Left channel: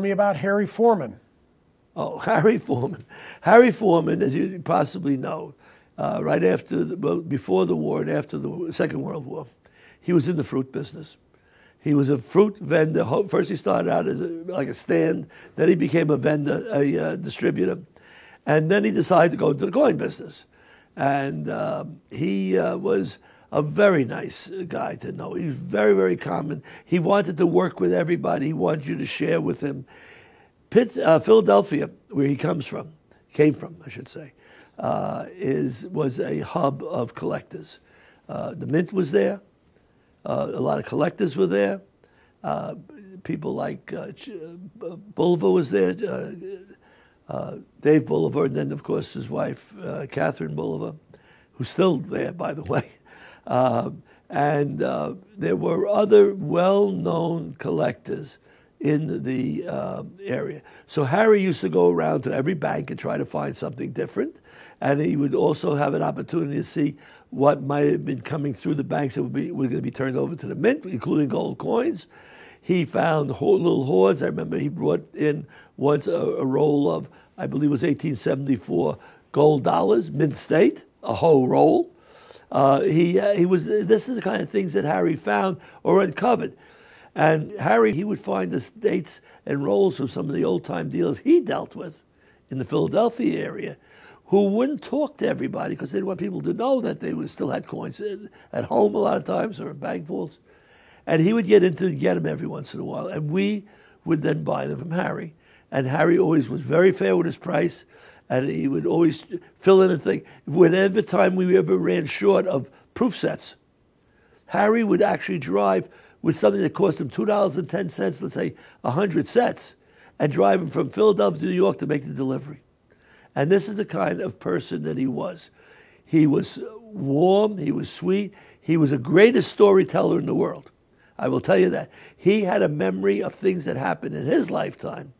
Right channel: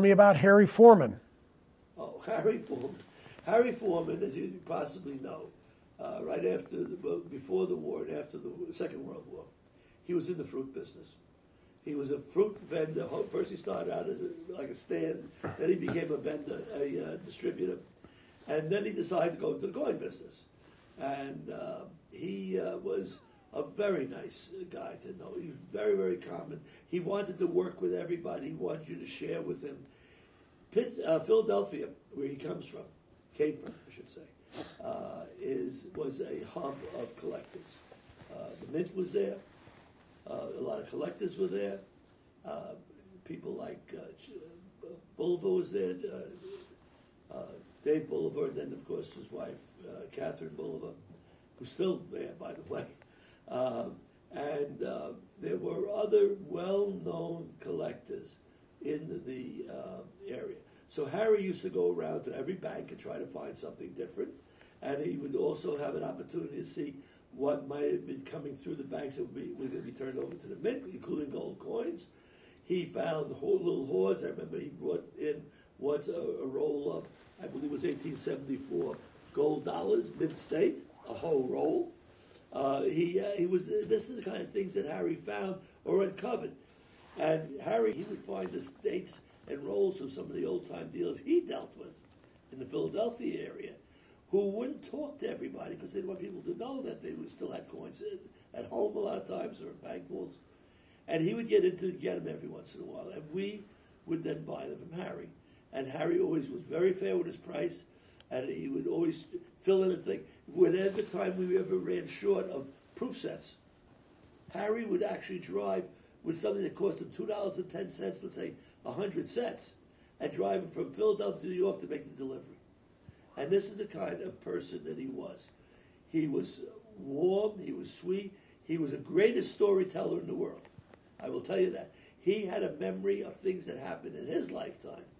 me about Harry Forman. Oh, Harry Forman. Harry Forman, as you possibly know, right after, before the war and after the Second World War, he was in the fruit business. He was a fruit vendor. First he started out as like a stand, then he became a vendor, a distributor. And then he decided to go into the coin business. And he was a very nice guy to know. He was very, very common. He wanted to work with everybody. He wanted you to share with him. Philadelphia, where he came from, I should say, was a hub of collectors. The Mint was there. A lot of collectors were there. People like Bolivar was there, Dave Bolivar, and then, of course, his wife, Catherine Bolivar, who's still there, by the way. And there were other well-known collectors in the area. So Harry used to go around to every bank and try to find something different. And he would also have an opportunity to see what might have been coming through the banks that were going to be turned over to the Mint, including gold coins. He found little hoards. I remember he brought in once a roll of, I believe it was 1874 gold dollars, Mint State, a whole roll. This is the kind of things that Harry found or uncovered. And Harry, he would find the dates and rolls from some of the old-time dealers he dealt with in the Philadelphia area, who wouldn't talk to everybody because they didn't want people to know that they still had coins at home a lot of times or in bank vaults. And he would get them every once in a while, and we would then buy them from Harry. And Harry always was very fair with his price, and he would always fill in a thing. Whenever time we ever ran short of proof sets, Harry would actually drive with something that cost him $2.10, let's say 100 sets, and drive them from Philadelphia to New York to make the delivery. And this is the kind of person that he was. He was warm, he was sweet, he was the greatest storyteller in the world. I will tell you that. He had a memory of things that happened in his lifetime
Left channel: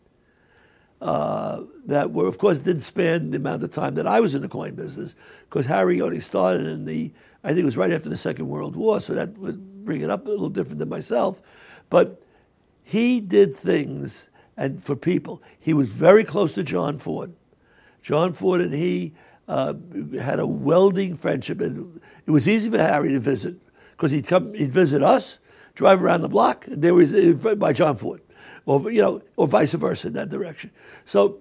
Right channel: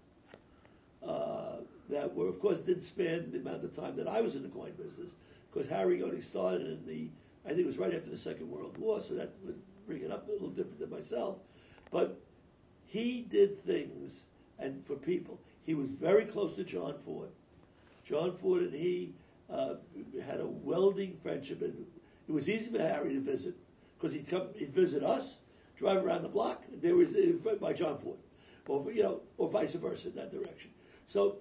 that were, of course, didn't span the amount of time that I was in the coin business, because Harry only started I think it was right after the Second World War, so that would bring it up a little different than myself. But he did things and for people. He was very close to John Ford. John Ford and he had a welding friendship, and it was easy for Harry to visit because he'd visit us, drive around the block, and there was by John Ford, or vice versa in that direction. So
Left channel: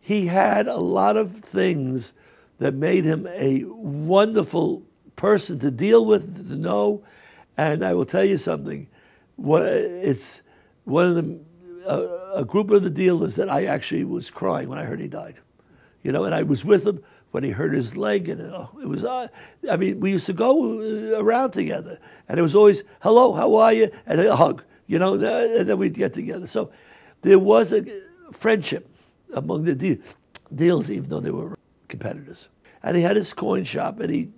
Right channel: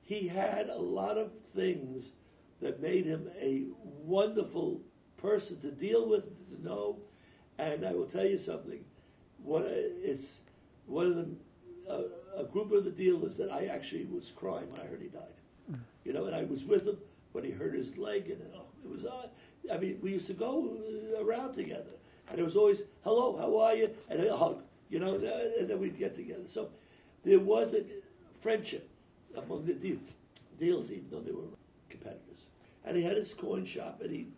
he had a lot of things that made him a wonderful person to deal with, to know. And I will tell you something. It's one of a group of the dealers that I actually was crying when I heard he died. And I was with him when he hurt his leg, and it was, I mean, we used to go around together, and it was always, hello, how are you, and a hug, and then we'd get together. So there was a friendship among the dealers, even though they were competitors. And he had his coin shop, and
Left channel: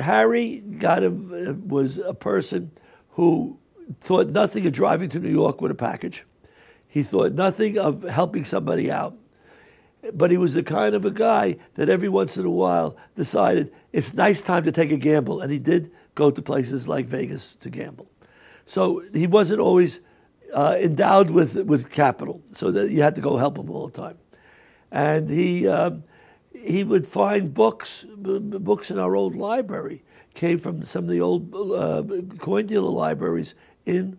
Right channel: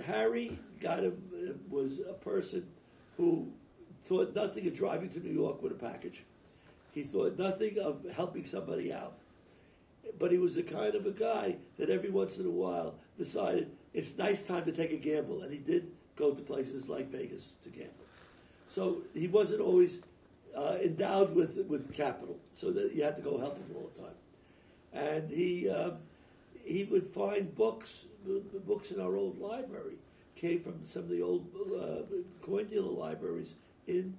Harry was a person who thought nothing of driving to New York with a package. He thought nothing of helping somebody out. But he was the kind of a guy that every once in a while decided it's nice time to take a gamble. And he did go to places like Vegas to gamble. So he wasn't always endowed with capital, so that you had to go help him all the time. And he would find books in our old library, came from some of the old coin dealer libraries in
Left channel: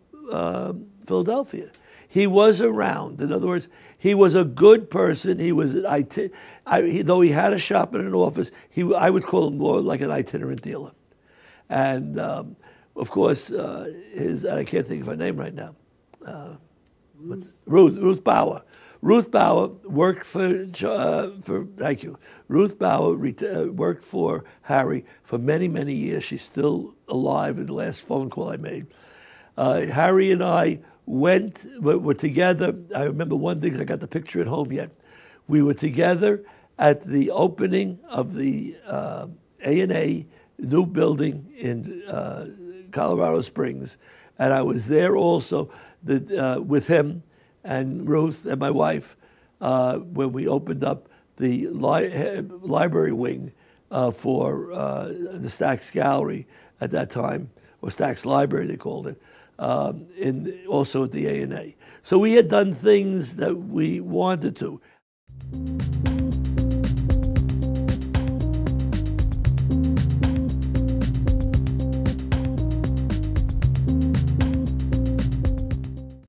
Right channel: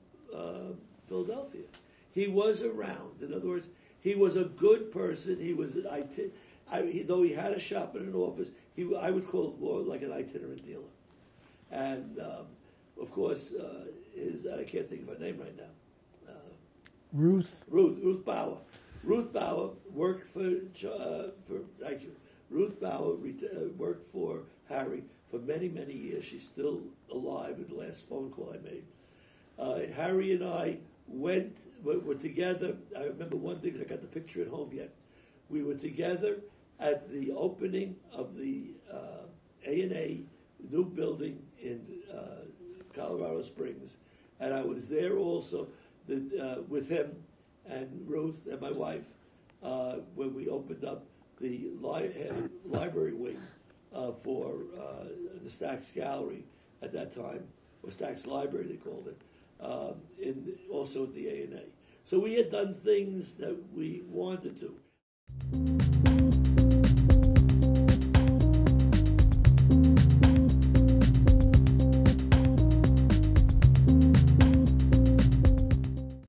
Philadelphia. He was around. In other words, he was a good person. He was though he had a shop and an office, I would call him more like an itinerant dealer. And of course, I can't think of her name right now. Ruth Bauer. Ruth Bauer worked thank you. Ruth Bauer worked for Harry for many, many years. She's still alive in the last phone call I made. Harry and I were together. I remember one thing, 'cause I got the picture at home yet. We were together at the opening of the A&A new building in Colorado Springs, and I was there also with him and Ruth and my wife when we opened up the library wing for the Stax Gallery at that time, or Stax Library they called it, also at the A&A. So we had done things that we wanted to.